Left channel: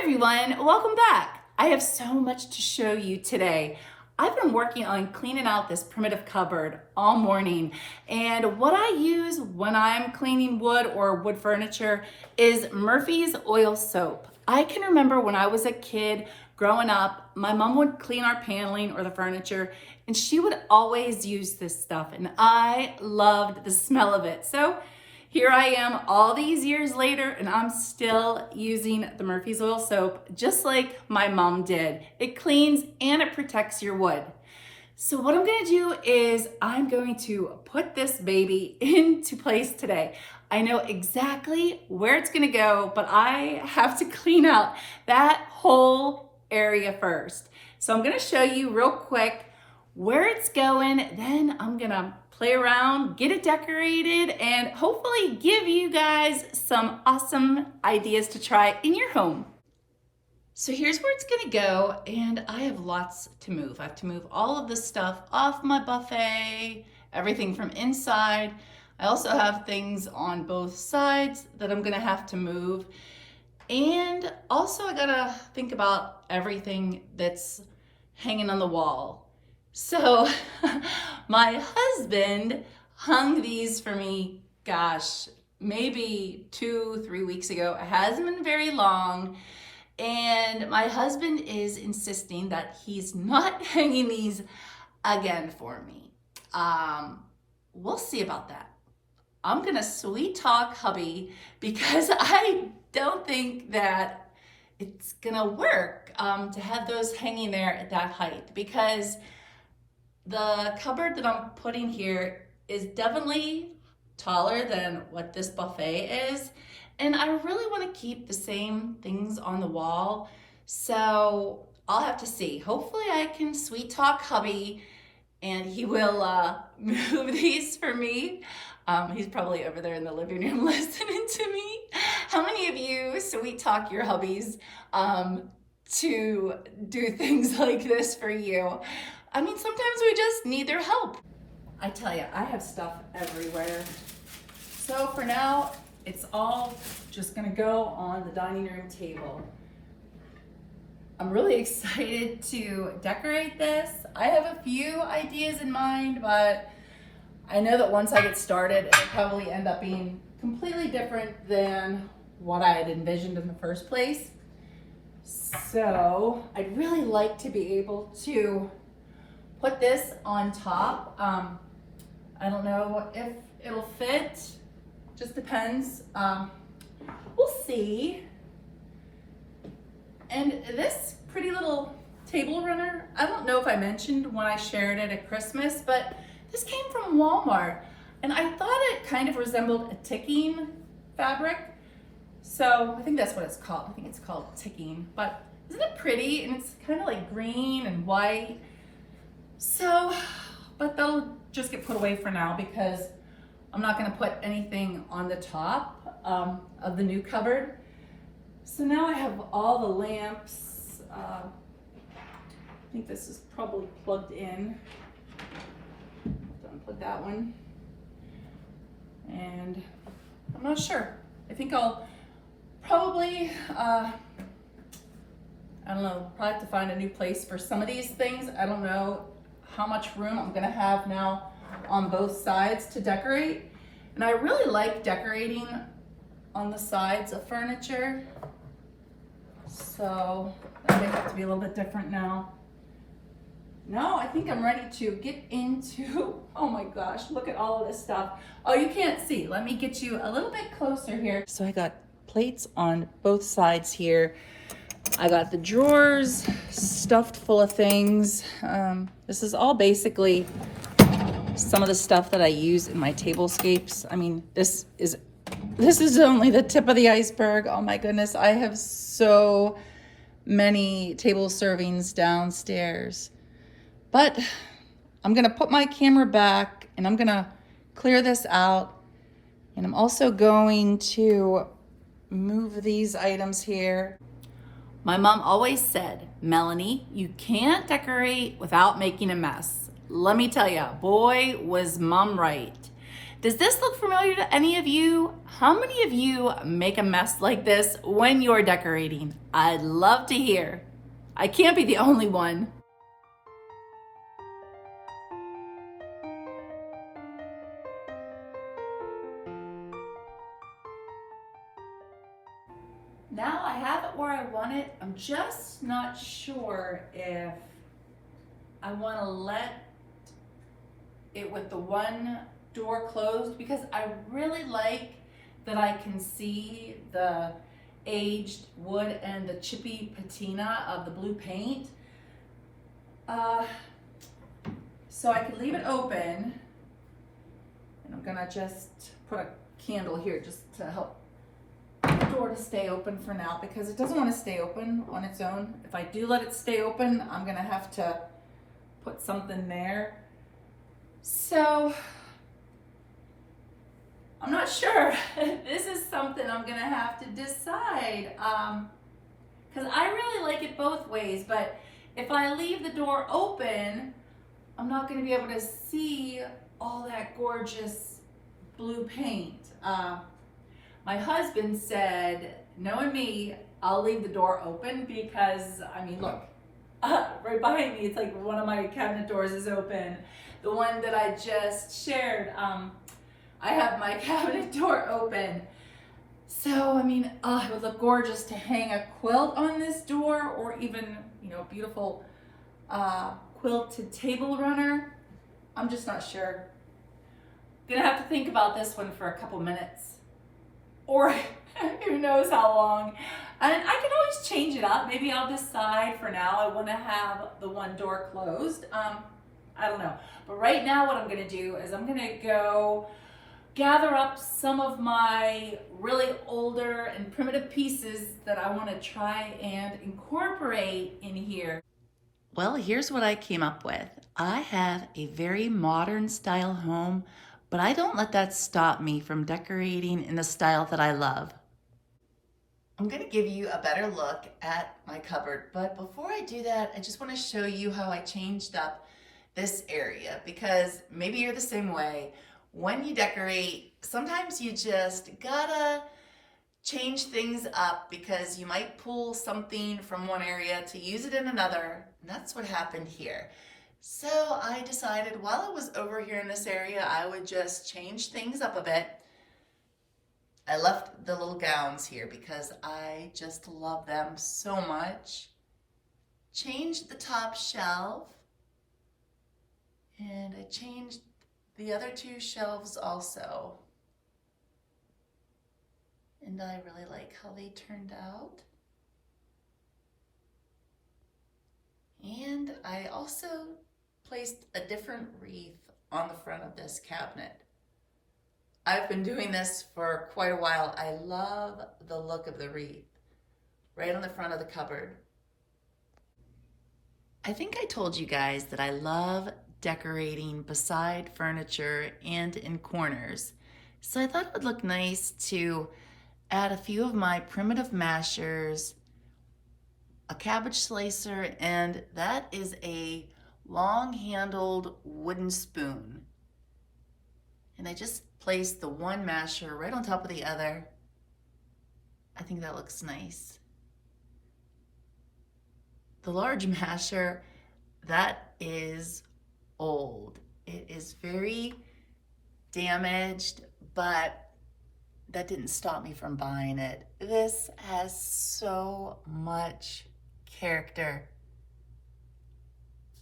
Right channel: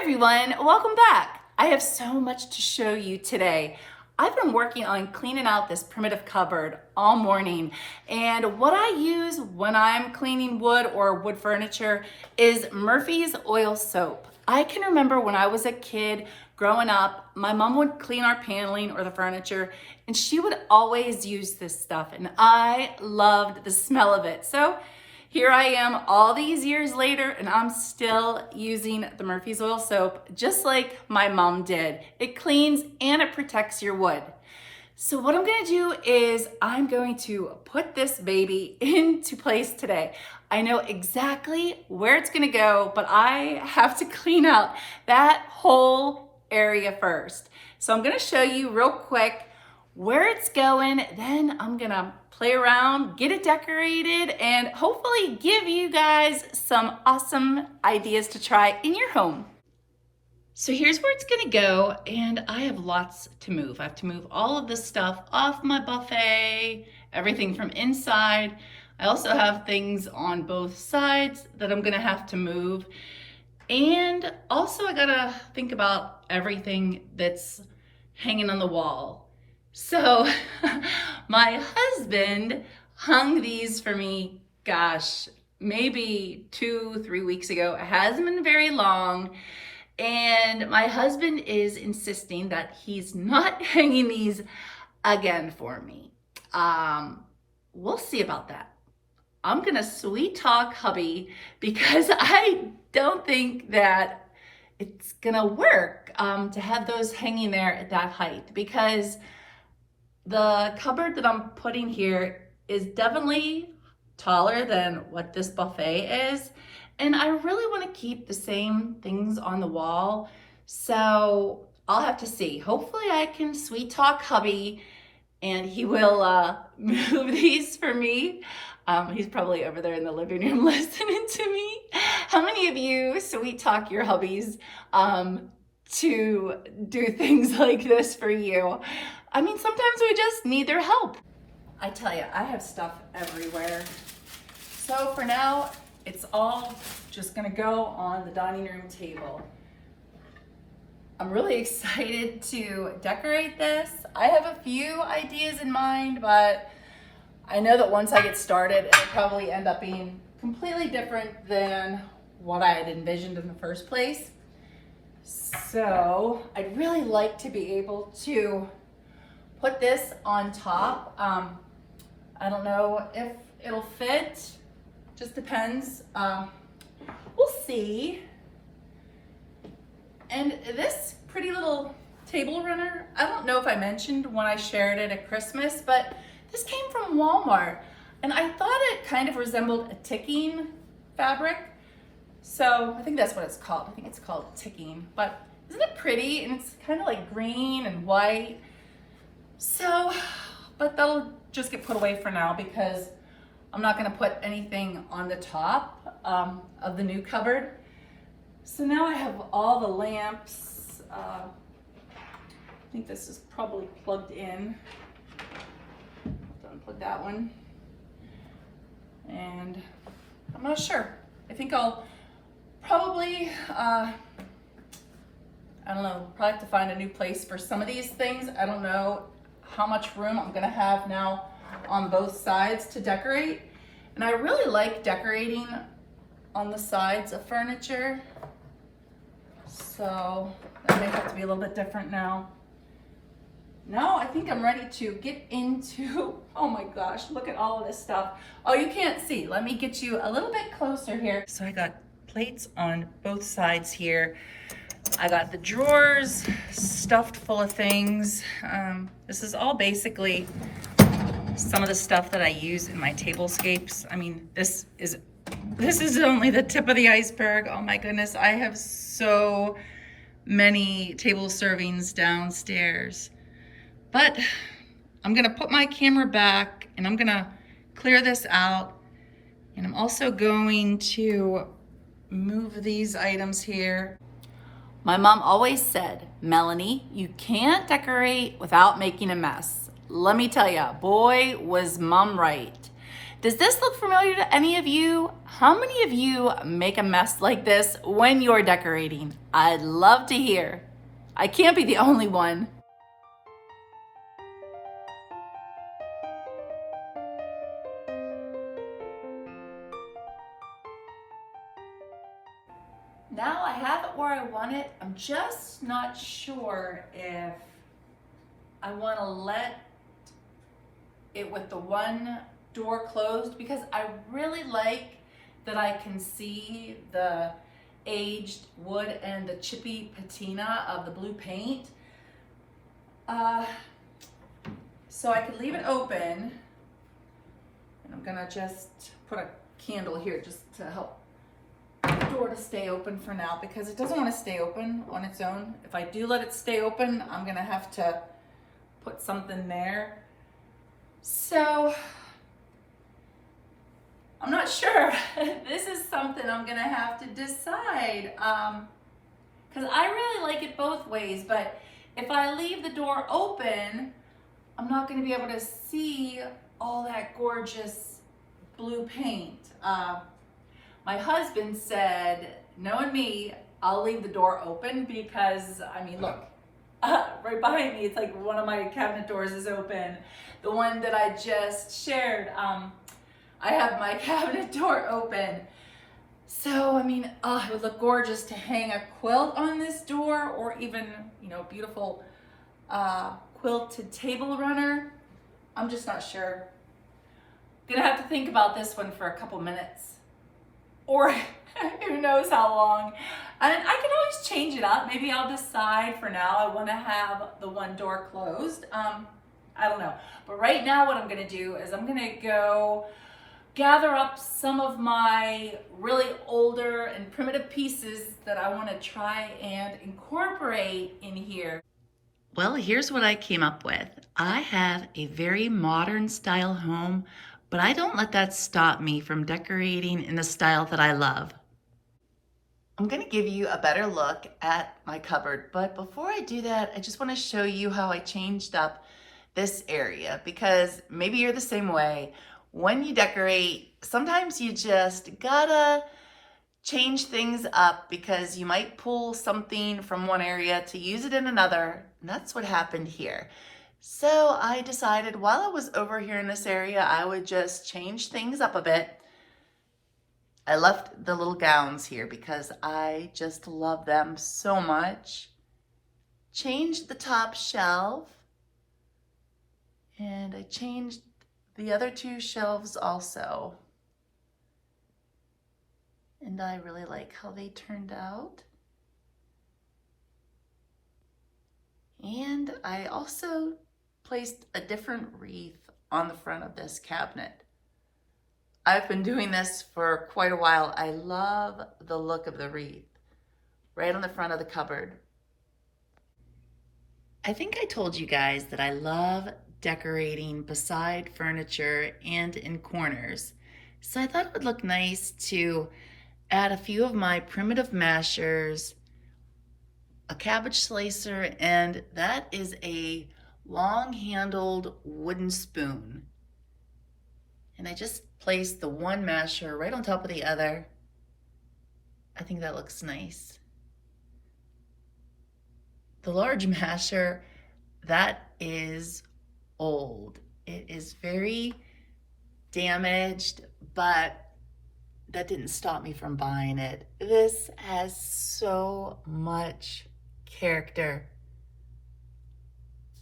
Everyone, welcome back. I have so much to show you today. I've been working on cleaning out this primitive cupboard all morning, and what I use when I'm cleaning wood or wood furniture is Murphy's oil soap. I can remember when I was a kid growing up, my mom would clean our paneling or the furniture, and she would always use this stuff, and I loved the smell of it. So here I am all these years later, and I'm still using the Murphy's oil soap just like my mom did. It cleans and it protects your wood. So what I'm gonna do is I'm going to put this baby into place today. I know exactly where it's gonna go, but I have to clean out that whole area first. So I'm gonna show you real quick where it's going, then I'm gonna play around, get it decorated, and hopefully give you guys some awesome ideas to try in your home. So here's where it's gonna go, and I have lots to move. I have to move all of this stuff off my buffet, everything from inside. I also have things on both sides that I'm gonna have to move. And also I gotta think about everything that's hanging on the wall. So my husband hung these for me, gosh, maybe 2-3 weeks ago. It hasn't been very long. And my husband is insisting that he's not hanging these again for me. We'll see about that. I'm gonna sweet talk hubby because I don't think that it's gonna work to have those hanging there at that height, because the cupboard that I'm putting here is definitely taller than what this buffet is. And I really want to keep the same things on the wall. So I'll have to see. Hopefully I can sweet talk hubby and he will move these for me. He's probably over there in the living room listening to me. How many of you sweet talk your hubbies to do things like this for you? I mean, sometimes we just need their help. I tell you, I have stuff everywhere. So for now, it's all just gonna go on the dining room table. I'm really excited to decorate this. I have a few ideas in mind, but I know that once I get started, it'll probably end up being completely different than what I had envisioned in the first place. So I'd really like to be able to put this on top. I don't know if it'll fit, just depends. We'll see. And this pretty little table runner, I don't know if I mentioned when I shared it at Christmas, but this came from Walmart, and I thought it kind of resembled a ticking fabric. So I think that's what it's called. I think it's called ticking, but isn't it pretty? And it's kind of like green and white. So, but that'll just get put away for now because I'm not gonna put anything on the top of the new cupboard. So now I have all the lamps. I think this is probably plugged in. Unplug that one. And I'm not sure. I think I'll probably, I don't know, probably have to find a new place for some of these things. I don't know how much room I'm gonna have now on both sides to decorate. And I really like decorating on the sides of furniture. So that may have to be a little bit different now. No, I think I'm ready to get into, oh my gosh, look at all of this stuff. Oh, you can't see. Let me get you a little bit closer here. So I got plates on both sides here. I got the drawers stuffed full of things. This is all basically some of the stuff that I use in my tablescapes. I mean, this is only the tip of the iceberg. Oh my goodness, I have so many table servings downstairs. But I'm gonna put my camera back and I'm gonna clear this out. And I'm also going to move these items here. My mom always said, Melanie, you can't decorate without making a mess. Let me tell you, boy, was mom right. Does this look familiar to any of you? How many of you make a mess like this when you're decorating? I'd love to hear. I can't be the only one. Now I have it where I want it. I'm just not sure if I want to let it with the one door closed, because I really like that I can see the aged wood and the chippy patina of the blue paint. So I could leave it open, and I'm gonna just put a candle here just to help the door to stay open for now, because it doesn't want to stay open on its own. If I do let it stay open, I'm gonna have to put something there. So I'm not sure. This is something I'm gonna have to decide, because I really like it both ways, but if I leave the door open, I'm not gonna be able to see all that gorgeous blue paint. My husband said, knowing me, I'll leave the door open because, I mean, look, right behind me, it's like one of my cabinet doors is open. The one that I just shared, I have my cabinet door open. So, I mean, it would look gorgeous to hang a quilt on this door, or even, beautiful quilted table runner. I'm just not sure. Gonna have to think about this one for a couple minutes, or who knows how long. And I can always change it up. Maybe I'll decide for now I want to have the one door closed. I don't know. But right now what I'm going to do is I'm going to go gather up some of my really older and primitive pieces that I want to try and incorporate in here. Well, here's what I came up with. I have a very modern style home, but I don't let that stop me from decorating in the style that I love. I'm going to give you a better look at my cupboard, but before I do that, I just want to show you how I changed up this area, because maybe you're the same way. When you decorate, sometimes you just gotta change things up because you might pull something from one area to use it in another, and that's what happened here. So I decided while I was over here in this area, I would just change things up a bit. I left the little gowns here because I just love them so much. Changed the top shelf, and I changed the other two shelves also. And I really like how they turned out. And I also placed a different wreath on the front of this cabinet. I've been doing this for quite a while. I love the look of the wreath right on the front of the cupboard. I think I told you guys that I love decorating beside furniture and in corners. So I thought it would look nice to add a few of my primitive mashers, a cabbage slicer, and that is a long-handled wooden spoon. And I just placed the one masher right on top of the other. I think that looks nice. The large masher, that is old. It is very damaged, but that didn't stop me from buying it. This has so much character.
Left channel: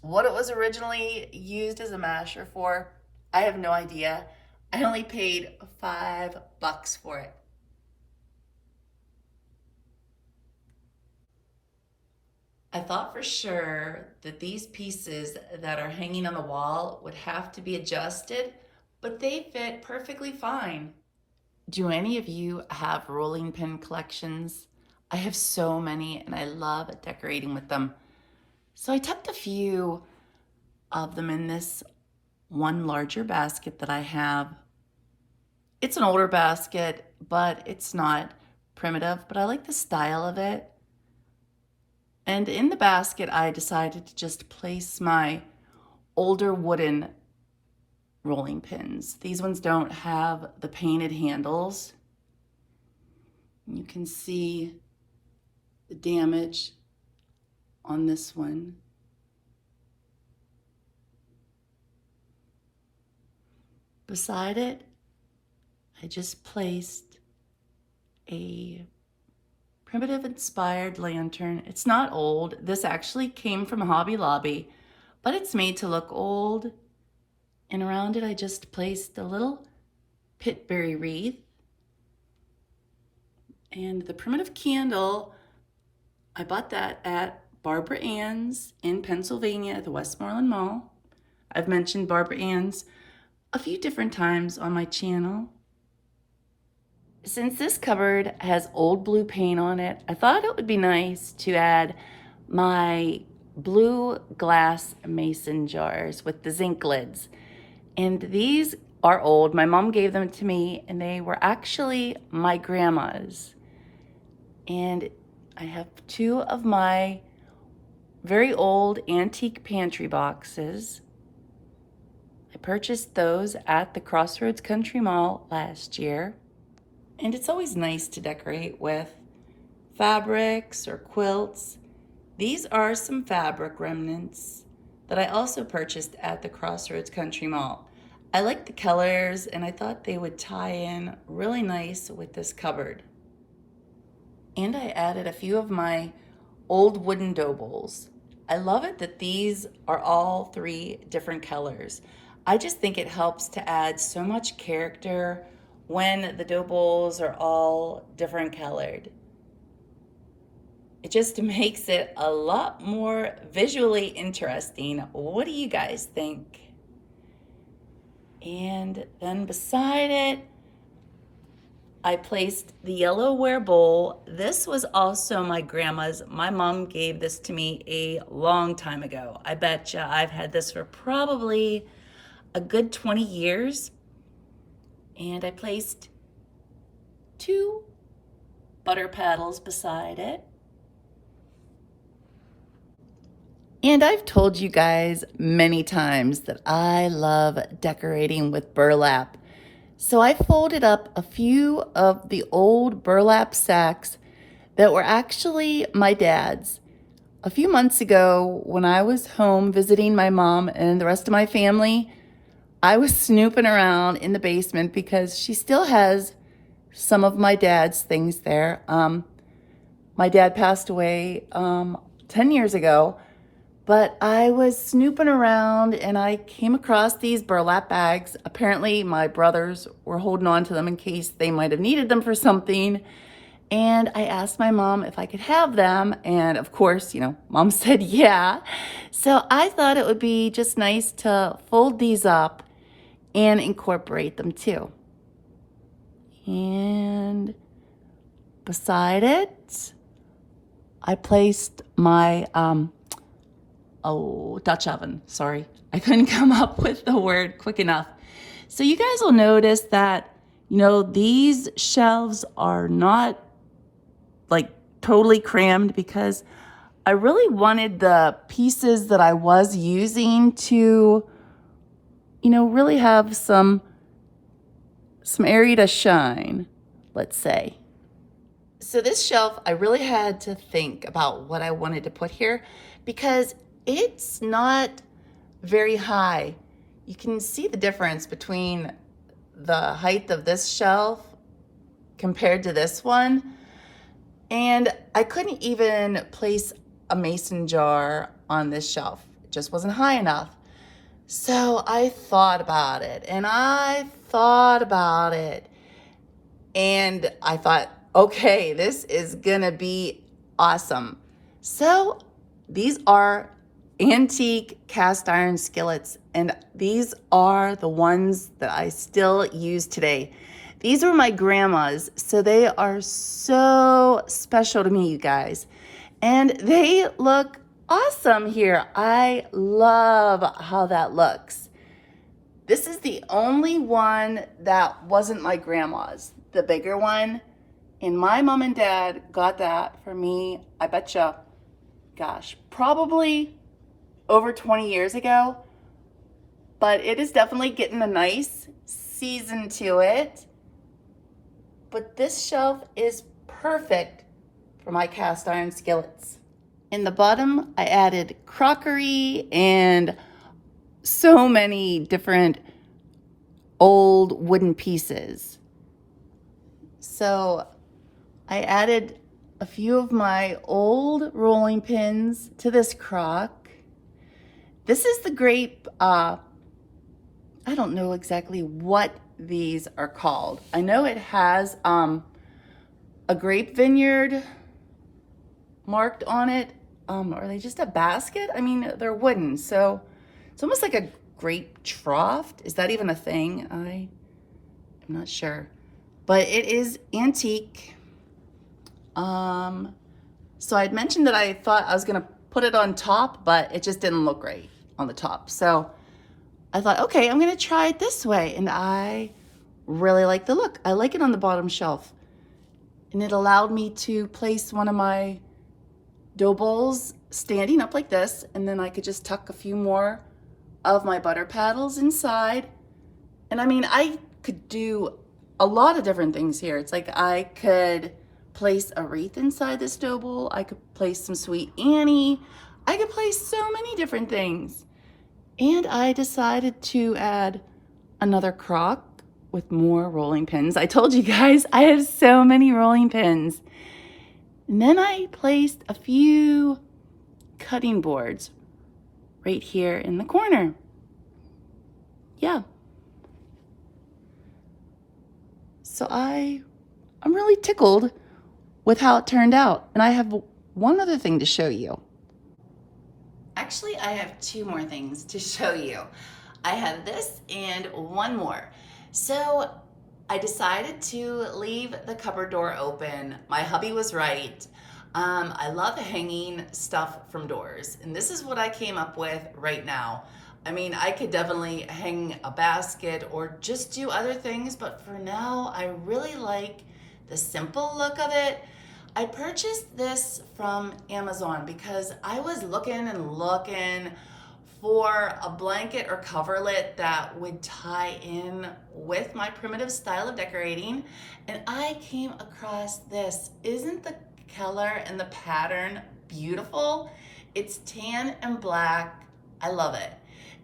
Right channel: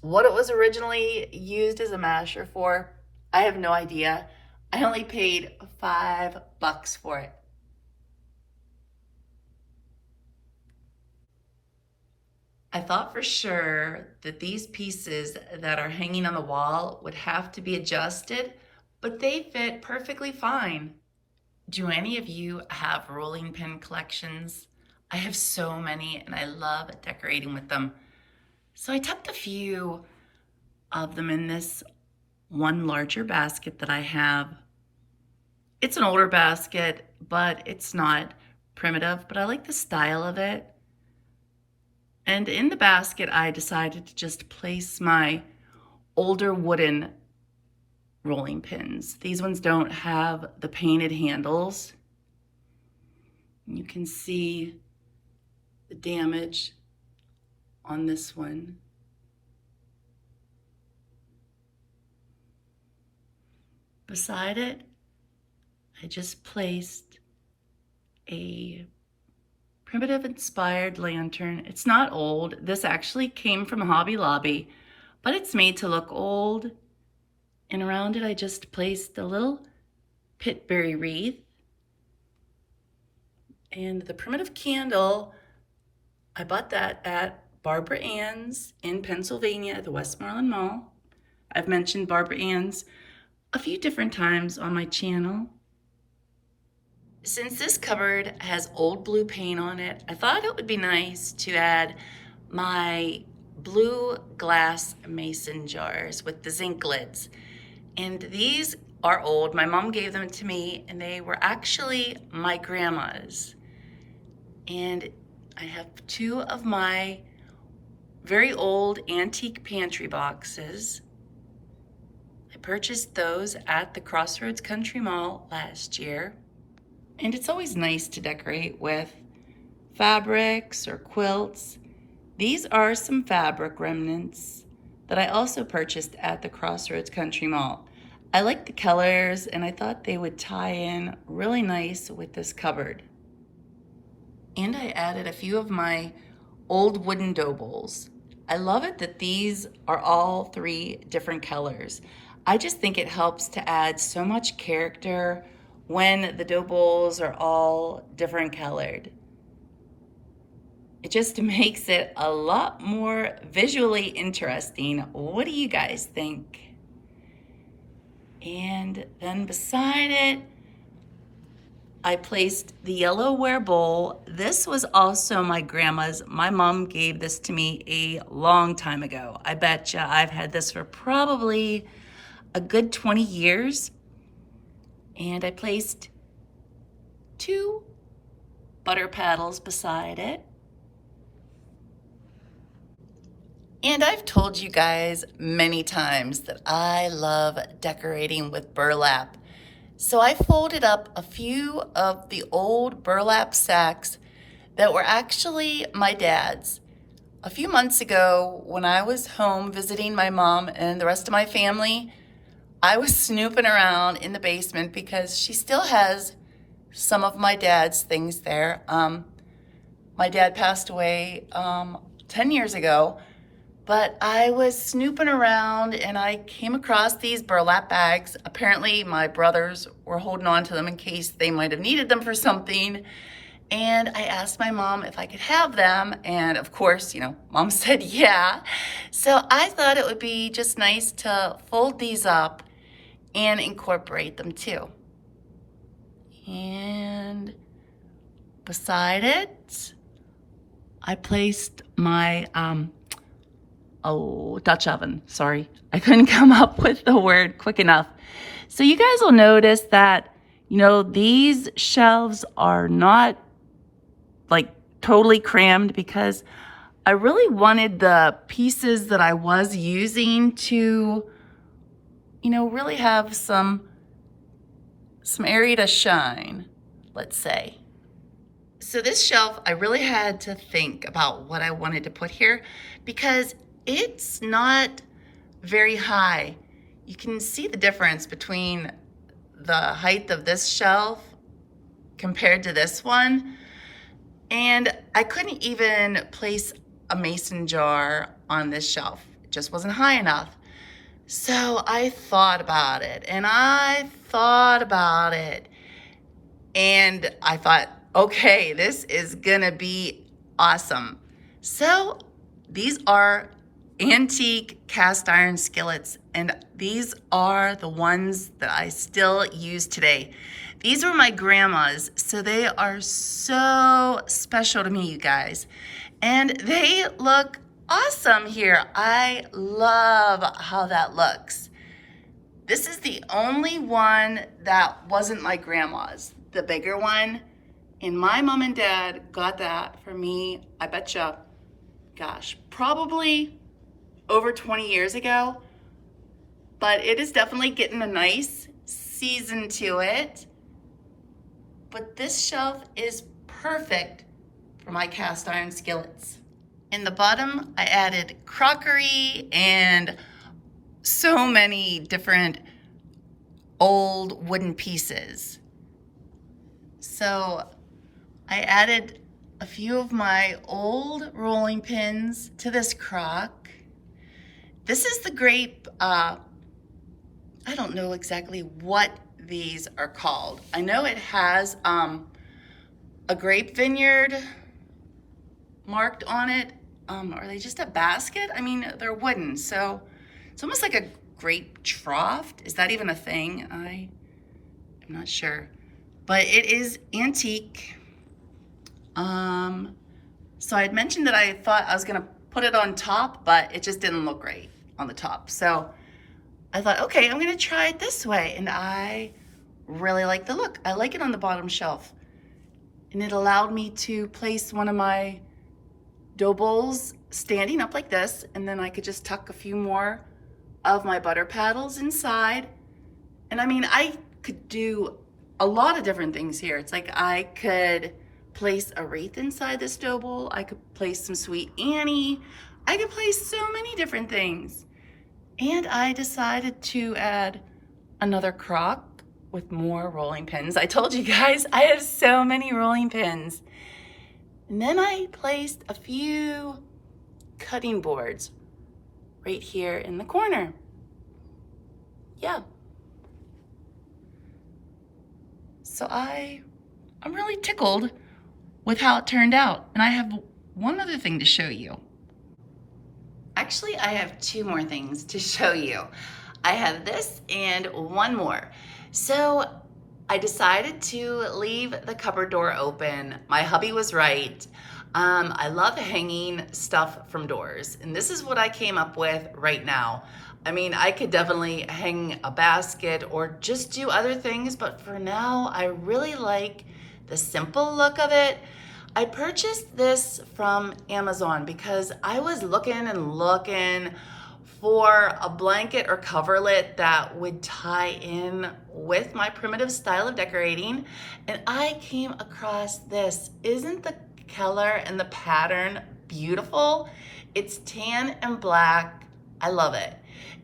What it was originally used as a masher for, I have no idea. I only paid $5 for it. I thought for sure that these pieces that are hanging on the wall would have to be adjusted, but they fit perfectly fine. Do any of you have rolling pin collections? I have so many and I love decorating with them. So I tucked a few of them in this one larger basket that I have. It's an older basket, but it's not primitive, but I like the style of it. And in the basket, I decided to just place my older wooden rolling pins. These ones don't have the painted handles. You can see the damage on this one. Beside it, I just placed a primitive inspired lantern. It's not old. This actually came from Hobby Lobby, but it's made to look old. And around it, I just placed a little pitberry wreath. And the primitive candle, I bought that at Barbara Ann's in Pennsylvania at the Westmoreland Mall. I've mentioned Barbara Ann's a few different times on my channel. Since this cupboard has old blue paint on it, I thought it would be nice to add my blue glass mason jars with the zinc lids. And these are old. My mom gave them to me, and they were actually my grandma's. And I have two of my very old antique pantry boxes. I purchased those at the Crossroads Country Mall last year. And it's always nice to decorate with fabrics or quilts. These are some fabric remnants that I also purchased at the Crossroads Country Mall. I like the colors, and I thought they would tie in really nice with this cupboard. And I added a few of my old wooden dough bowls. I love it that these are all three different colors. I just think it helps to add so much character when the dough bowls are all different colored. It just makes it a lot more visually interesting. What do you guys think? And then beside it, I placed the yellowware bowl. This was also my grandma's. My mom gave this to me a long time ago. I betcha I've had this for probably a good 20 years. And I placed two butter paddles beside it. And I've told you guys many times that I love decorating with burlap. So I folded up a few of the old burlap sacks that were actually my dad's. A few months ago, when I was home visiting my mom and the rest of my family, I was snooping around in the basement because she still has some of my dad's things there. My dad passed away 10 years ago, but I was snooping around and I came across these burlap bags. Apparently my brothers were holding on to them in case they might have needed them for something. And I asked my mom if I could have them. And of course, mom said yeah. So I thought it would be just nice to fold these up and incorporate them too. And beside it, I placed my Dutch oven. Sorry, I couldn't come up with the word quick enough. So you guys will notice that, these shelves are not like totally crammed because I really wanted the pieces that I was using to, really have some area to shine, let's say. So this shelf, I really had to think about what I wanted to put here because it's not very high. You can see the difference between the height of this shelf compared to this one. And I couldn't even place a mason jar on this shelf. It just wasn't high enough. So I thought about it and I thought about it. And I thought, okay, this is gonna be awesome. So these are antique cast iron skillets, and these are the ones that I still use today. These were my grandma's, so they are so special to me, you guys. And they look awesome here. I love how that looks. This is the only one that wasn't my grandma's, the bigger one. And my mom and dad got that for me, I betcha, gosh, probably over 20 years ago. but it is definitely getting a nice season to it. But this shelf is perfect for my cast iron skillets. In the bottom, I added crockery and so many different old wooden pieces. So I added a few of my old rolling pins to this crock. This is the grape, I don't know exactly what these are called. I know it has a grape vineyard marked on it. Are they just a basket? I mean, they're wooden, so it's almost like a grape trough. Is that even a thing? I'm not sure, but it is antique. So I'd mentioned that I thought I was gonna put it on top, but it just didn't look right on the top. So I thought, okay, I'm gonna try it this way, and I really like the look. I like it on the bottom shelf, and it allowed me to place one of my dough bowls standing up like this, and then I could just tuck a few more of my butter paddles inside. And I mean, I could do a lot of different things here. It's like I could place a wreath inside this dough bowl. I could place some Sweet Annie. I could place so many different things. And I decided to add another crock with more rolling pins. I told you guys, I have so many rolling pins. And then I placed a few cutting boards right here in the corner. Yeah. So I'm really tickled with how it turned out. And I have one other thing to show you. Actually, I have two more things to show you. I have this and one more. So I decided to leave the cupboard door open. My hubby was right. I love hanging stuff from doors, and this is what I came up with right now. I mean, I could definitely hang a basket or just do other things, but for now, I really like the simple look of it. I purchased this from Amazon because I was looking and looking for a blanket or coverlet that would tie in with my primitive style of decorating, and I came across this. Isn't the color and the pattern beautiful? It's tan and black. I love it.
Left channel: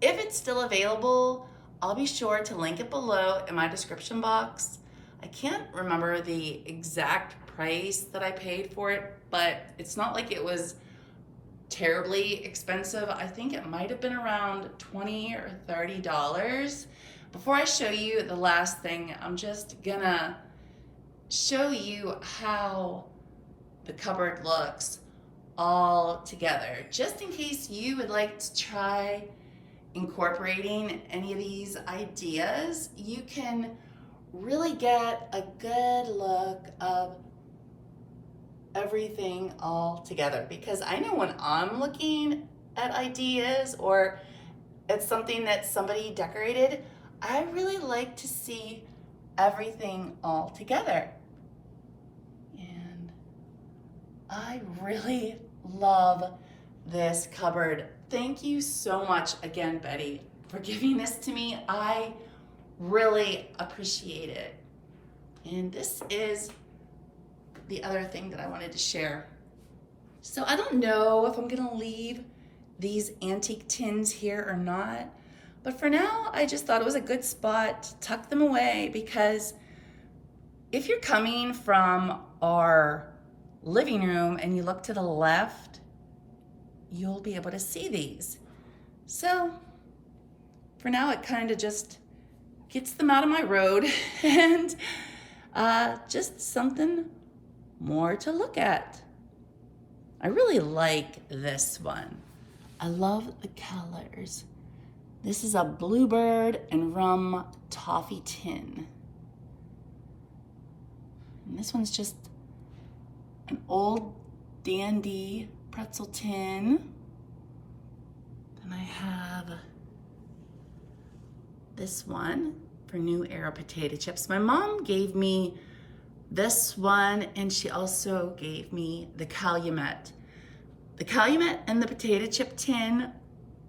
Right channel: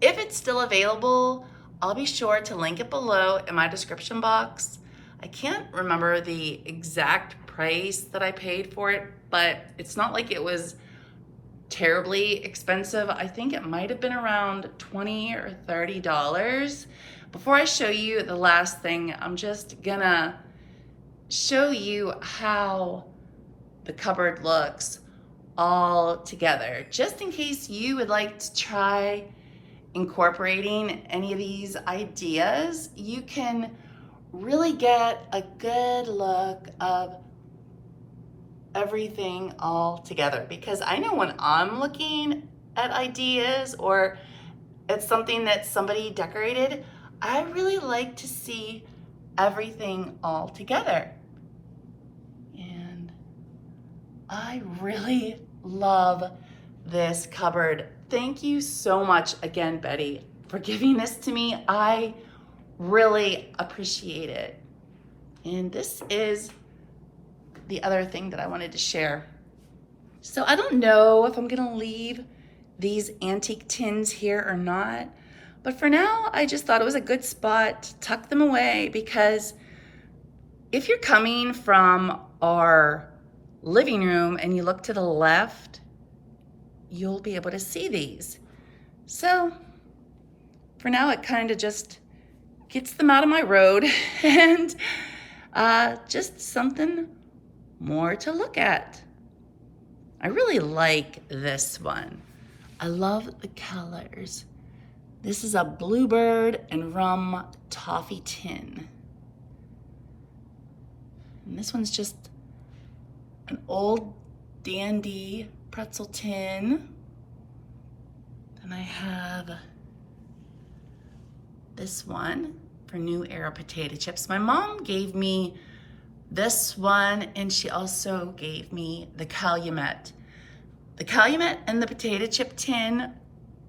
If it's still available, I'll be sure to link it below in my description box. I can't remember the exact price that I paid for it, but it's not like it was terribly expensive. I think it might have been around $20 or $30. Before I show you the last thing, I'm just gonna show you how the cupboard looks all together, just in case you would like to try incorporating any of these ideas. You can really get a good look of everything all together, because I know when I'm looking at ideas or at something that somebody decorated, I really like to see everything all together. And I really love this cupboard. Thank you so much again, Betty, for giving this to me. I really appreciate it. And this is the other thing that I wanted to share. So I don't know if I'm gonna leave these antique tins here or not, but for now, I just thought it was a good spot to tuck them away, because if you're coming from our living room and you look to the left, you'll be able to see these. So for now, it kind of just gets them out of my road and just something more to look at. I really like this one. I love the colors. This is a bluebird and rum toffee tin. And this one's just an old dandy pretzel tin. Then I have this one for New Era potato chips. My mom gave me this one, and she also gave me the Calumet. The Calumet and the potato chip tin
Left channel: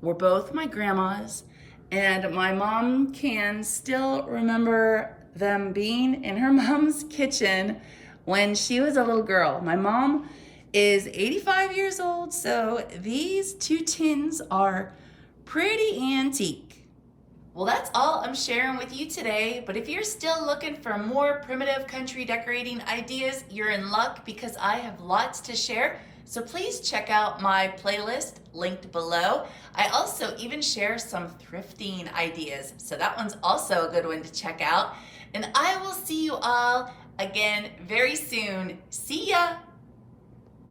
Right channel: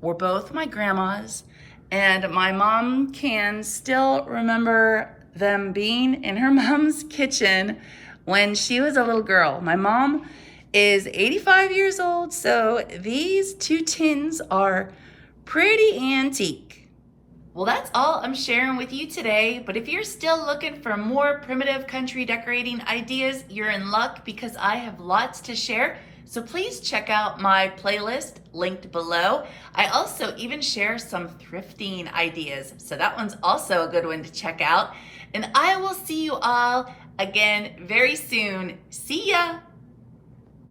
were both my grandma's, And my mom can still remember them being in her mom's kitchen when she was a little girl. My mom is 85 years old, so these two tins are pretty antique. Well, that's all I'm sharing with you today, but if you're still looking for more primitive country decorating ideas, you're in luck because I have lots to share. So please check out my playlist linked below. I also even share some thrifting ideas, so that one's also a good one to check out. And I will see you all again very soon. See ya!